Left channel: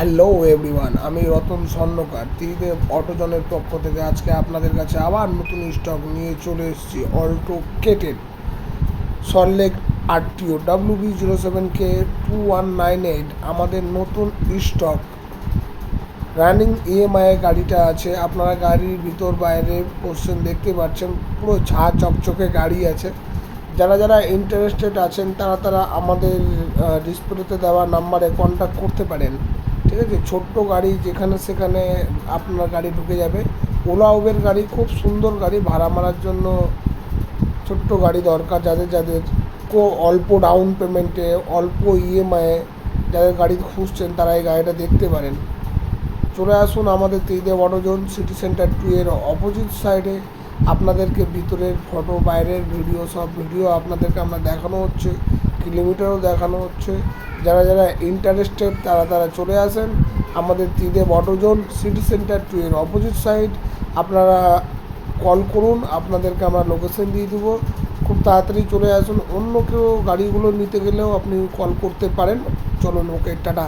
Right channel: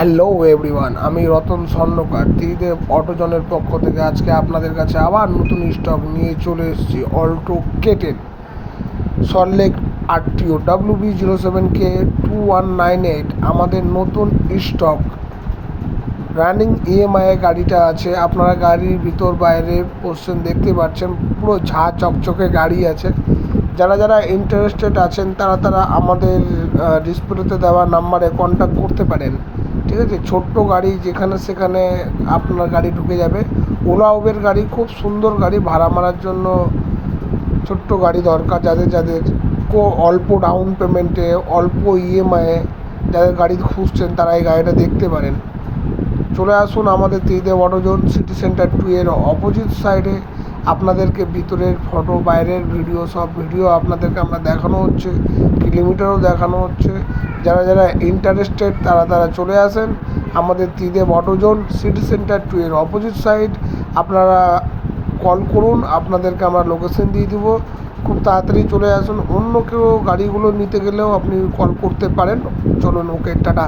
Hello everyone, আমি রতন স্বর্ণকার ত্রিদেব অটোজনের পক্ষ থেকে আজকে আপনাদের কাছে আবার নতুন স্টক নিয়ে চলে এসেছি। Alto K10 Salt Lake RTO WB07K2198 আমাদের নতুন স্টক। রানিং ইএমআই গাড়িটা আছে। আপনারা গাড়ির ভিতর বাইরে পোর্শন দেখতে পাচ্ছেন, পুরো ঝাঁ চকচকে গাড়ি আছে। যারা যারা ইন্টারেস্টেড আছেন তারা আমাদের ডিসপ্লেতে দেওয়া নাম্বারে কন্ট্যাক্ট করতে পারেন। ঠিক আছে, ছোট্ট গাড়ি যেখানে সেখানে আপনার গাড়ি ঢুকে যাবে। ওলা উবের গাড়ি, খুব সুন্দর গাড়ি, ভাড়া মারার জন্য ছোট্ট গাড়ি দরকার। যাদের অল্প ডাউন পেমেন্টে, অল্প ইএমআইয়ে যাদের গাড়ি খুঁজছেন তারা এই গাড়িটা দেখতে পারেন। চলে আসুন আমাদের ত্রিদেব অটোজোন, সিটি সেন্টার 2 এর অপোজিট সাইডে। আপনাদেরকে ভিতরের ফটো, বাইরের ভিডিও, সব ভিডিও আপনাদেরকে আমরা দেখানো হচ্ছে, কিলোমিটারও দেখানো হচ্ছে। যারা যারা ইন্টারেস্টেড তারা চলে আসেন আমাদের ত্রিদেব অটোজোন, সিটি সেন্টার 2 এর অপোজিট সাইড। আপনারা কল করুন, আপনাদেরকে আমরা লোকেশন দিয়ে দেবো। খুব তাড়াতাড়ি চলে আসুন। অন্য কেউ গাড়িগুলো নিতে গেলেও আপনি কল করতে পারেন। চলুন, ওকে, টাটা।